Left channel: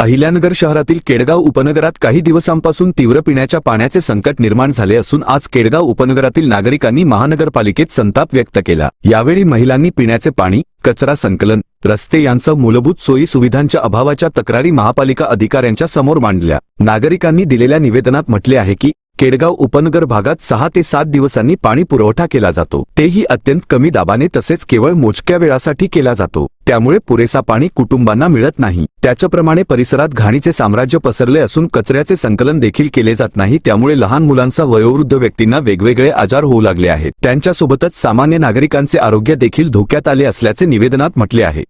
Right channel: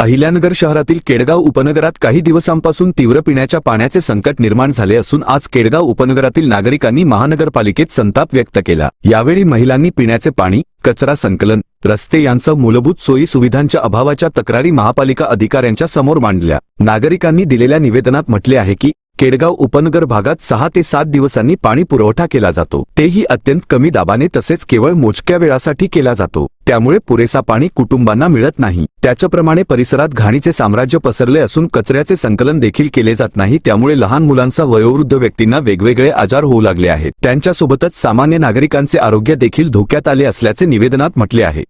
अहिल्यानगर शहरातील केडगाव उपनगरात काही दिवसांपासून तीव्र पिण्याच्या पाण्याचे संकट निर्माण झाले असून आज केडगाव उपनगरातील नागरिकांनी महानगरपालिकेत संताप व्यक्त केला. यावेळी महिलांनी पिण्याचे पाणी कचरा संकलन रस्ते यांसह मूलभूत सोयी सुविधांच्या अभावाच्या तक्रारी महापालिका अधिकाऱ्यांच्या समोर मांडल्या. नागरिकांनी दिलेल्या निवेदनात म्हटले आहे की केडगाव उपनगर भागात सहा ते सात दिवसांनी पाणी पुरवठा केला जातो. तेही अत्यंत कमी दाबाने तसेच केवळ मोजक्या वेळासाठी केला जातो. त्यामुळे पुरेसा पाणी कुटुंबांना मिळत नाही. त्याच्याप्रमाणे परिसरात घाणीचे साम्राज्य पसरले असून कचऱ्याचे संकलन देखील केले जात नाही. त्यामुळे लहान मुलांचा वयोवृद्ध व्यक्तींना वेगवेगळे आजार होऊ लागले आहेत. त्यांच्यासोबतच सामान्य नागरिकांचे आरोग्य देखील धोक्यात आले असल्याचे निवेदनात म्हटले आहे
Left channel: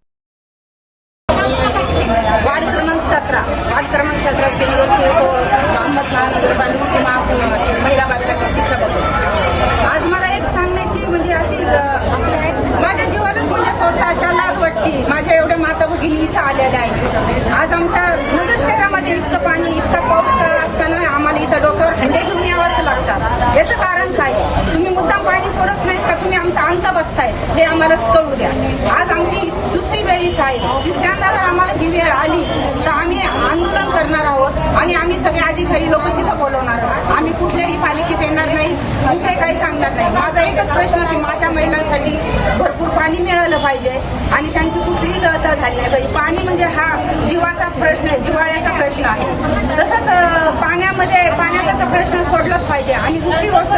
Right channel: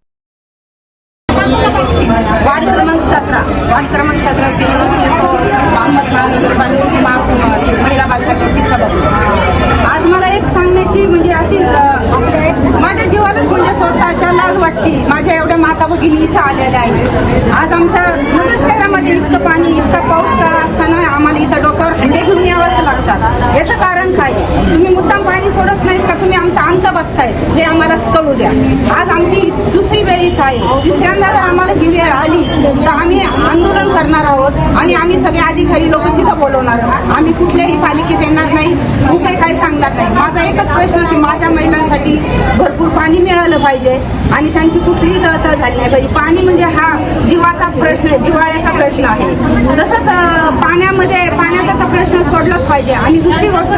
वार्ड क्रमांक सतरा. वार्ड क्रमांक सतराचे नगरसेवक मोहम्मद महानगरपालिकेचे मा- एक महिला बालकाची सभापती आज मला एक सांगण्याची म्हणजे अशी माझ्या जीवालाच म्हणजे स्वतःच्या लाज वाटते. माझ्या एवढ्या माता भगिनी इथं आलेल्या आहेत. आज आमच्या नगर शहरामध्ये इतकं पाणी इतका पाऊस काळ असताना आम्हाला इथं डोकं यावंच याचं कारण काय तुम्ही मुद्दाम पाणी सोडत नाहीत का? तुम्ही आमचा अंत बघताय हे आम्हाला कळू द्या. आज आमची दुसरी वेळ इथं आहे. तिसऱ्यांदा जर आम्हाला ही वेळ आली तर आम्ही आंदोलन करणार आहोत आणि आम्ही सगळे अधिकारी लोक तिथं बोलवणार आहोत. आम्ही कुठल्याही पालिकेत येणार नाही कुठे काही सांगणार नाही. माझा एकच प्रश्न की माझ्या महिलांसाठी भरपूर पाणी मिळालं पाहिजे आणि त्यांची कुठलीही तळतळ झाली नाही पाहिजे. पाणी म्हणजे हा जीवाचा प्रश्न आहे जिव्हाळ्याचा प्रश्न आहे. तसंच पाण्यामध्ये पाण्याचा प्रश्न पडलंच पाहिजे. आणि दुसरी गोष्ट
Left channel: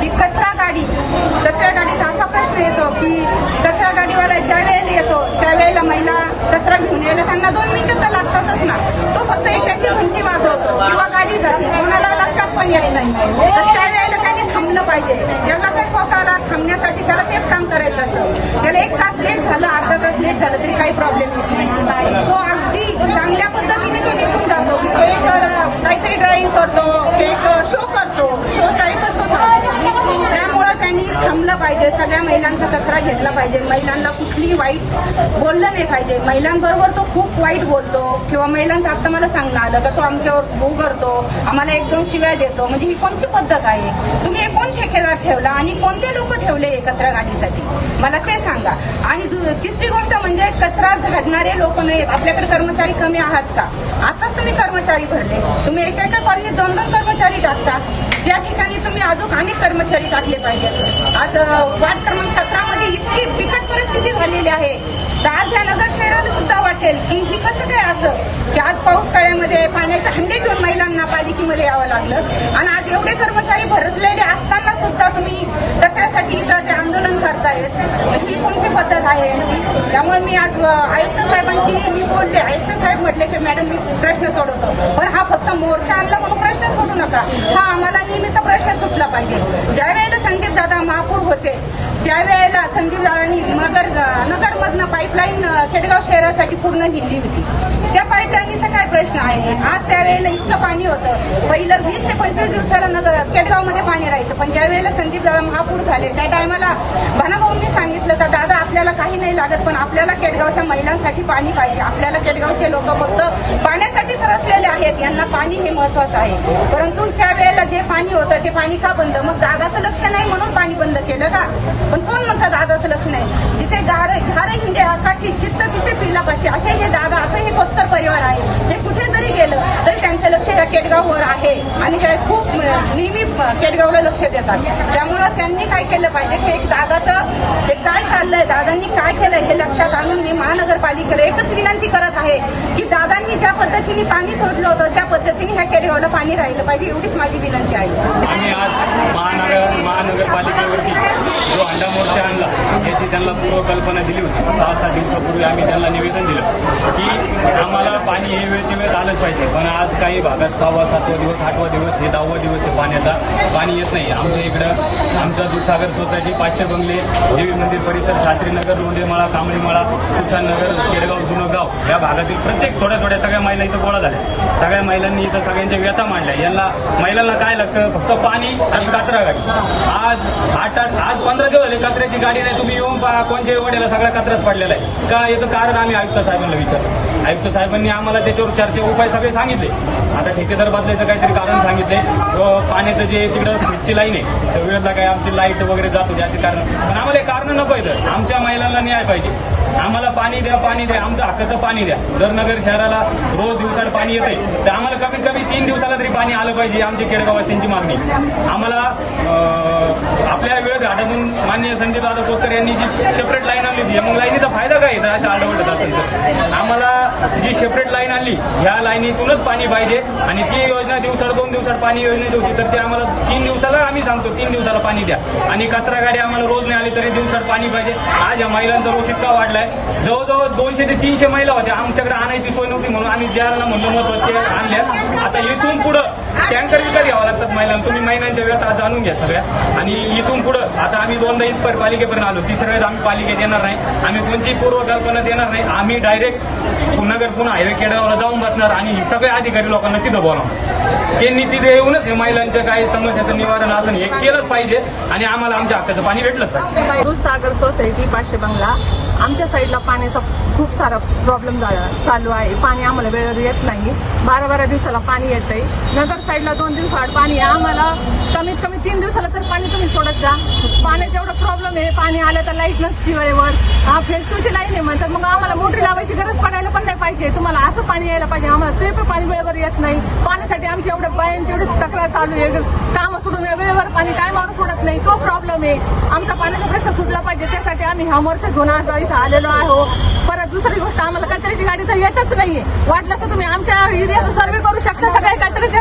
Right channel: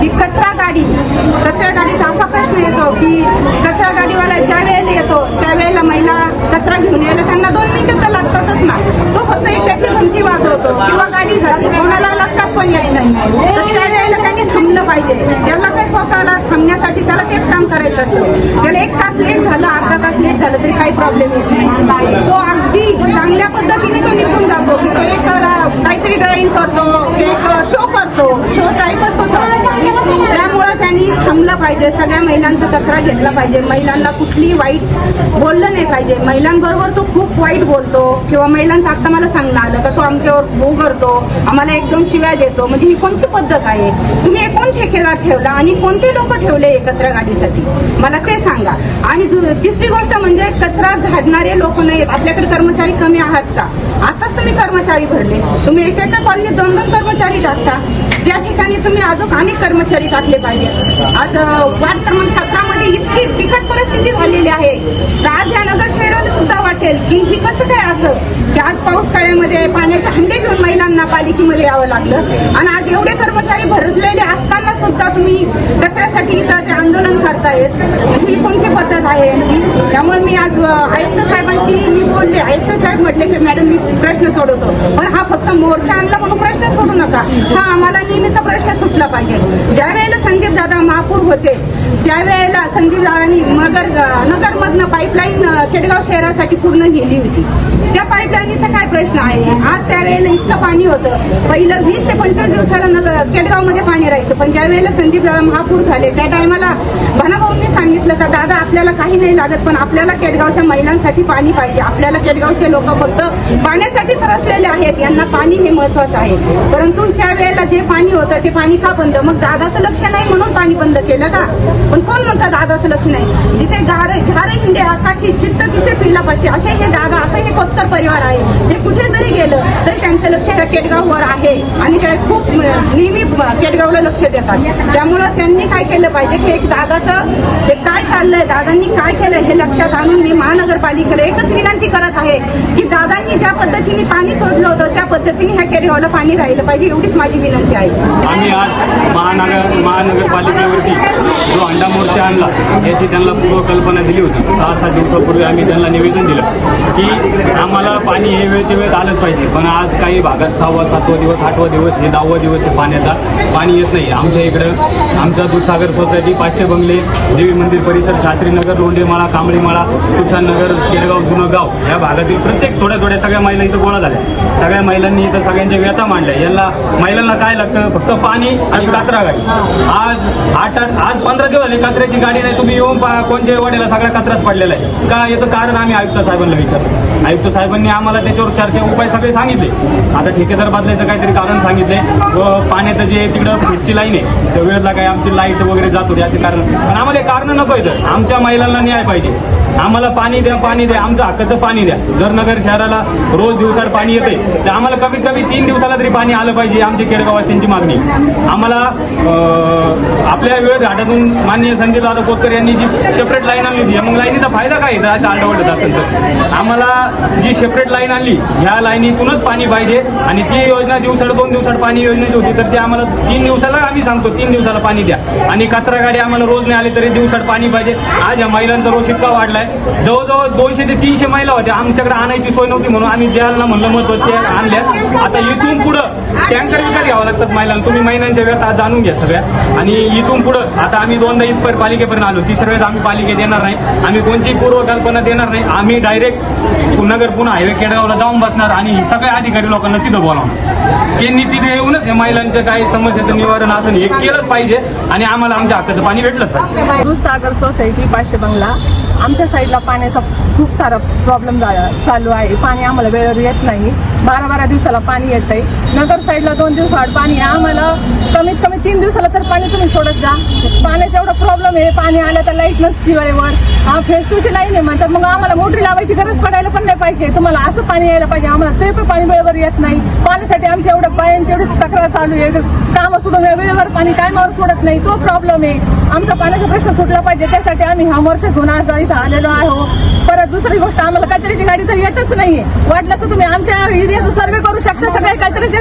की कचरा गाडी कचरा गाडीचा असा प्रश्न येतो की कचरा गाडीवाला ज्या वेळेला येतो त्यावेळेला महिला कचरा घेऊन यायला त्यांना दोन मिनिटं तर लागतातच ना. तो फक्त एक त्याची घंटी वाजवतो किंवा गाडी जाते. कोणाला लक्षात पण येत नाही. तर पाहिजे. त्याला काही स्वतःला थांबण्यासाठी त्याला तेच काम करायचं असतं. त्याला एक तास लेट झालं अर्धा तास लेट झालं तरी काही प्रॉब्लेम येत नाही. तो अगदी चांगल्या पद्धतीने तो निघून जातो. की तो एक काहीतरी ड्रॉइंग करतो एक शो करतो. शो टाईपच त्यामुळं थांबलं पाहिजे. सगळ्या महिलांचा कचरा घेतला पाहिजे. महिलांना कुठली वाईट बोललं नाही पाहिजे. महिलांबरोबर तो खूप वाईट बोलतो किंवा महिलांचं आता मला सांगणं आलं तर तो आमच्यावर भू करतो आम्हाला एक दोन शिव्या देतो. म्हणजे ही कोणती पद्धत आहे? तुम्ही एक कोण ठेकेदार ठेवला आणि कोणते लोक ठेवले हे कचरा गाडीसाठी? मला ते सांगा. आणि तिसरी गोष्ट म्हणजे कचरा झाडणारे लोक नाही. आपल्याकडे कर्मचारी कमी आहात का? आताच तुम्ही कर्मचारी भरले. तुम्ही एका एका कॉलनीत दोन दोन कर्मचारी टाकता. त्या ठिकाणी तुम्ही अजून अनेक कर्मचारी टाकले पाहिजेत. आज वार्ड क्रमांक सतरा मध्ये इतकी बिकट परिस्थिती झालेली आहे. तर आज या नगर शहराला सुद्धा वाटेल की ही कसं काय असं? की आज पाऊस काळ्यामध्ये पाण्याचे हंडे घेऊन महिलांना पालिकेमध्ये यावं लागलं. आणि आज एवढे कर्मचारी भरलेले असताना सुद्धा तुम्ही कचऱ्यासाठी इथं ते आंदोलन करतायत. ही कोणती पद्धत आहे यांची? त्यामुळे मी आज आयुक्त साहेबांशी बोलले आयुक्त साहेब म्हटले की मॅडम मी प्रश्न सोडवतो. पण हा फक्त मोर्चा आणला म्हणून प्रश्न सोडू नका. हा आम्हाला नेहमीचा प्रश्न सुटला पाहिजे. ज्या वेळेला संदीप दादा महापूर होते त्यावेळेला संदीप दादानी नगर नगरमधनं पाईपलाईन केडगाव शहरासाठी पूर्ण नेली होती. त्या पाईपलाईनीचा काय प्रश्न आहे? आज त्यावेळेला इतकं पाणी होतं. पहिलं वीस ते पंचवीस दिवसाला नगर केडगावमध्ये पाणी राहायचं. पण ज्या वेळेला संदीप दादा महापूर झाले त्या टायमाला भानाभाऊंनी सांगितलं का दादा आपल्याला काही नाही लागत पण आपल्याला केडगावच्या महिलांसाठी पाणी पाहिजे. आपल्याला केडगावचे लोक फक्त पाण्यासाठी त्रसलेले आहेत यांना पाणी हे महत्वाचं आहे. परंतु त्यावेळेला जे पाणी होतं ते पाणी का बंद? मग दादाचं लक्ष नाही म्हणून पाणी बंद केलं का? पण कोण म्हणतं दादाचं लक्ष नाही? जिथे गारे घारे हिंडे आकाशी चित्त तिचे पिल्लापाशी असे हे दादा असं हे कोतकर परिवार आहे. हे कुठे जरी गेलं तरी त्यांचं लक्ष त्या केडगाववर आहे. आणि काय खूप नेहमी केडगावला लक्ष देतात. त्यामुळं त्यांनी काय केलं पाहिजे? की एक दादाचं हे काय चाललंय? दादांनी काय केलंय? हे लक्षात आणून मी महानगरपालिकेला एकच विनंती करत आहे की दादांनी ज्या पद्धतीने पाणी सोडलं होतं त्या पद्धतीने ह्या केडगावला पाणी राहिलं पाहिजे एवढीच माझी विनंती आहे. आम्ही आज महानगर महानगरपालिकेवरती जो अंडा मोर्चा आणला याची त्यांना पूर्वकल्पना दिली होती. सहा सात दिवसापूर्वी आम्ही त्यांना निवेदन दिलं की आम्हाला पाणी हे वेळच्या वेळेत आलंच पाहिजे पण आज काही भागात सहावा सातवा दिवस आठवा दिवस हे दहावा दिवस आहे पाण्याचा. पाणी येत नाही. आमच्या इकडं आमच्या दूधसागर सोसायटी पाचशे बंगले देवी मंदिर परिसर शास्त्रीनगर लोंढेमाळा कांबळीमाळा सुशांतनगर केडगाव जुनं गाव. या भागातील प्रत्येक थोड्या थोड्या सगळ्या महिला इथं गोळा झाल्या. सगळ्या महिलांनी इथं सगळ्यांच्या व्यथा मांडल्या. यांना महिलांना काय लागतं? फक्त पाणी आणि कचरा गाडी. आज आठ आज पंधरा दिवस झाले कचऱ्याची गाडी नाही. तुम्ही येऊन कोणच्या वडेला सगळा कचराच पडलेला आहे. का? याचं कारण आम्ही आयुक्त साहेबांना विचारलं. आयुक्त साहेबांनी आम्हाला त्याच्यावर चर्चा उपाय सगळे सांगितले. आता ठेकेदार बदलायचं काहीतरी कारण सांगितले. व पाण्याचं जे तिकडं फिटची लाईन आहे त्या वेळेला काय आमची लाइट वगैरे जात होती असे कारण. पण आम्हाला कारण नको इथं आमच्या महिलांना न्याय पाहिजे. आम्हाला पाणी द्या पाणी द्या आमचं हक्काचं पाणी द्या. जर नगर शहराला रोज दिवसाड पाणी येते तर आम्हाला कमीत कमी तीन दिवसाला तरी पाणी आलं पाहिजे आमची केडगाववासींची मागणी. आम्हाला आपल्या वेळ घाटातून माननीय संजय दादा कोतकर यांनी जी सेपरेट लाईन आणली होती मग लाईनीचा फायदा काय येतं असं आरडवडत असेल तर. आम्हाला जी सेपरेट लाईन आणली ह्या लाईनीतूनच पाणी पाहिजे आणि ती योजना दिवसाड दोन दिवसात पाणी योजनेची होती तर ती आम्हाला तीन दिवसाला आम्ही सांगतो तीन दिवसाला पाणी द्या. आणि कचरा गाडी आम्हाला रोज नाही आली तरी दिवसात पाणी पाहिजे. आज या महिलांचा रोज इतका वाढलाय. जवळजवळ दोनशे ते तीनशे महिला होत्या. आमच्याकडे आणायची सोय नव्हती म्हणून आम्ही ज्याला म्हणलं मत ते आता इथून पुढं टँकर विकत घ्यावं लागतात महिलांना. तुम्ही महिलांच्या व्यथा जाणून घ्या सगळ्या. आणि इथून पुढं आता आम्ही दोनदा इथपर्यंत पालिकेपर्यंत आलो. तिसऱ्या वेळेस आम्ही पालिकेत येणार नाही. आम्ही कोणतीही पूर्वकल्पना देणार नाही. आम्ही डायरेक्ट नगर पुन्हा हायवे केडगावला जाऊन बसणार आणि सगळ्या अधिकारी लोकांना तिथं बोलावणार. त्यांनी तिथे येऊनच या महिलांच्या काही समस्याचं निवारण असं हे केलंच पाहिजे आणि आम्हाला आमच्या हक्काचं पाणी भेटलंच पाहिजे. दूधसागर सोसायटी पाचशे बंगला. आमच्या साईडला पाण्याचा खूप सारा प्रॉब्लेम चालू आहे. पाणी आम्हाला वेळेवर येत नाही. बारा बारा दिवसाला पाणी येत आहे नगर साईडला दोन दिवसाआड पाणी आम्हाला कमीत कमी तीन दिवसाला तर पाणी तुम्ही सोडत जा. पाण्याचा एवढा प्रॉब्लेम आहे. पाणी आलं तर लाइट नसती वेळेवर. हा फेस टूची लाईन आहे म्हणतात. मग आम्हाला मोटरी लावायची गरज पडायला पण नाही पाहिजे. तुम्हाला असं पाणी यायला पाहिजे. आम्हाला ते पण पाणी वेळेवर येत नाही. पाण्यासाठी आमच्या एवढं बायांची एवढी तक्रार चालू आहे. कामं सोडून वेळेवर पाणी टायमावर सोडत नाही. तो प्रॉब्लेम आहे. आमचा पाण्याचा प्रश्न सुटला पाहिजे. त्यासाठी आम्ही हा वर्ष घेऊन आज इथं आलेलो आहो परत दुसरी गोष्ट आम्हाला कचऱ्याची गाडी तर येतच नाहीये. वाटलं तर तुम्ही आमच्या एरियाचा सर्वे करू शकता सगळ्या कचऱ्याच्या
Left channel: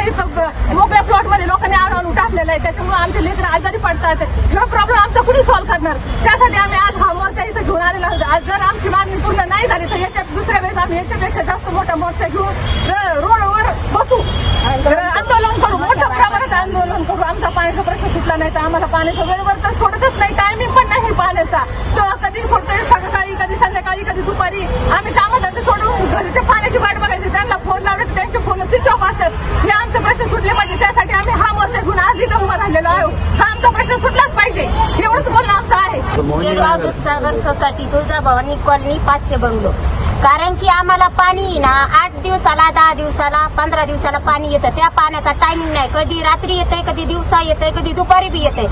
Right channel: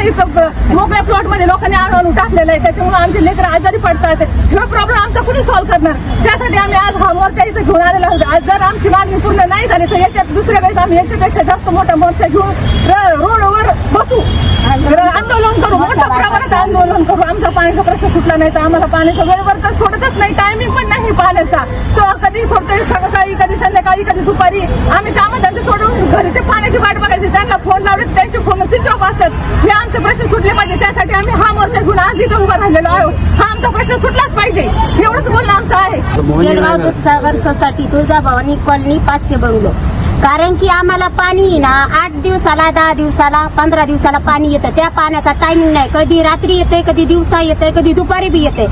इथं ब- मोकळ्या प्लॉटमध्ये लोकांनी आणून टाकलेलं आहे. त्याच्यामुळे आमचे लेकर आजारी पडतात. हा प्रॉब्लेम आमचा कुणी सॉल्व्ह करणार? त्यासाठी आम्ही आज हा मोर्चा इथं घेऊन आलेला आहोत. आज जर आमची मागणी पूर्ण नाही झाली तर याच्यात दुसऱ्या वेळेस आम्ही याच्यापेक्षा जास्त मोठा मोर्चा घेऊन रोडवर बसू. आंदोलन करू. प्रमाणात आंदोलन करू आमचा पाण्याचा प्रश्न सुटला नाही तर आम्हाला पाण्याचा वेळेवर तर सोडतच नाही टायमिंग पण नाही पाण्याचा. तो कधी सोडतोय सकाळी कधी संध्याकाळी कधी दुपारी? आम्ही कामधंदे सोडून घरी ते पाण्याची वाट बघायची त्यांना फोन लावले तर त्यांचे फोन स्विच ऑफ असतात. हे आमचे प्रश्न सुटले पाहिजे त्यासाठी आम्ही हा मोर्चा घेऊन आज इथं उभा राहिलेलो आहोत. हा आमचा प्रश्न सुटलाच पाहिजे एवढंच बोलणं आमचं आहे. सागर सोसायटी तुळजाभवानी कॉलनी पाचशे बंगलो. कारण की आम्हाला पाणी ना आठ दिवसाला दहा दिवसाला पंधरा दिवसाला पाणी येतं. त्या पाण्याचा टायमिंग नाही. कधी रात्री येते कधी दिवसा येते कधी दुपारी बी येते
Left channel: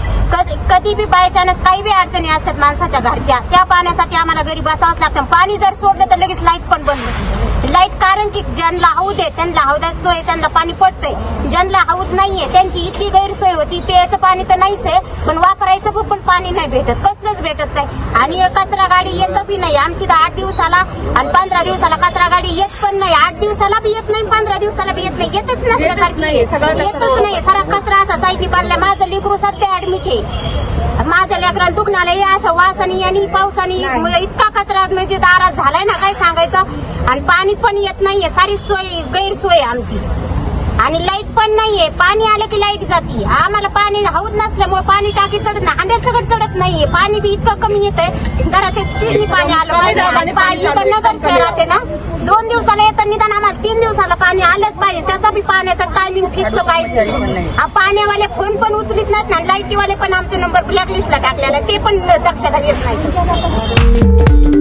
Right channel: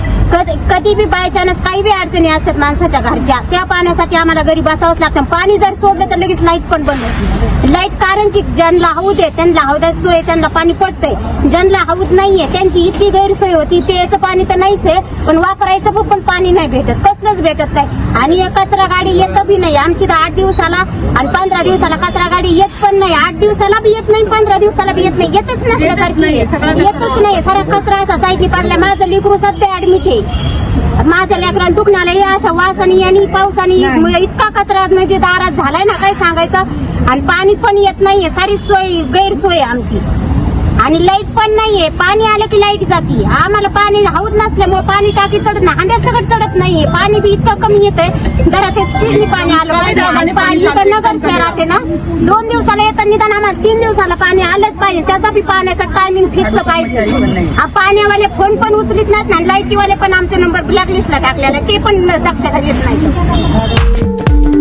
कधी बी बाय चान्स काही बी अडचणी असतात माणसाच्या घरच्या त्या पाण्यासाठी आम्हाला घरी बसावंच लागतं. पाणी जर सोडलं तर लगेच लाइट पण बंद होती. लाइट कारण की ज्यांना हौद आहे त्यांना हौदा सोय त्यांना पाणी पडतंय ज्यांना हौद नाहीये त्यांची इतकी गैरसोय होती प्यायचं पाणी तर नाहीच आहे पण वापरायचं पण पाणी नाही भेटत. कसलंच भेटत नाही. आणि कचरा गाडी येत बी नाही. आमची तर आठ दिवसाला आणि पंधरा दिवसाला कचरा गाडी येत पण नाही. आठ दिवसाला बी येत नाही पंधरा दिवसाला बी येत नाही. येतच नसल्यासारखी. येतच नाही सारा कचरा असा साईडली पडला माझं लेकरू सध्या ऍडमिट आहे. माझ्या लेकराला दुखण्याला या असं वासानी आणि पावसानी इतका कचरा म्हणजे दारात झालाय ना काय सांगायचं? आणि पाणी पण येत नाहीये. सारी सोय गैरसोय आमची. आणि लाइट पण नाहीये. पाणी आलं की लाइट जाती. आम्हाला पाणी हवत नसल्यामुळे पाणी टाकी चढत नाही. हांड्यात सगळं चढत नाहीये. पाणी बी इतकं कमी येतंय. जरा ते स्पीडनी पाणी आलं पाहिजे. आणि पाणी इथं नगर शहरात आहे ना दोन दिवसाला येतं निदान आम्हाला तीन दिवसाला पाणी आलंच पाहिजे. त्याचा बी पाण्याचा टायमिंग फिक्स पाहिजे. हा पाण्यावाले फोन पण उचलीत नाहीत ना लाईटीवाले पण आमचे नंबर ब्लॅकलिस्टला टाकलेला ते पण दक्षता घेत नाही.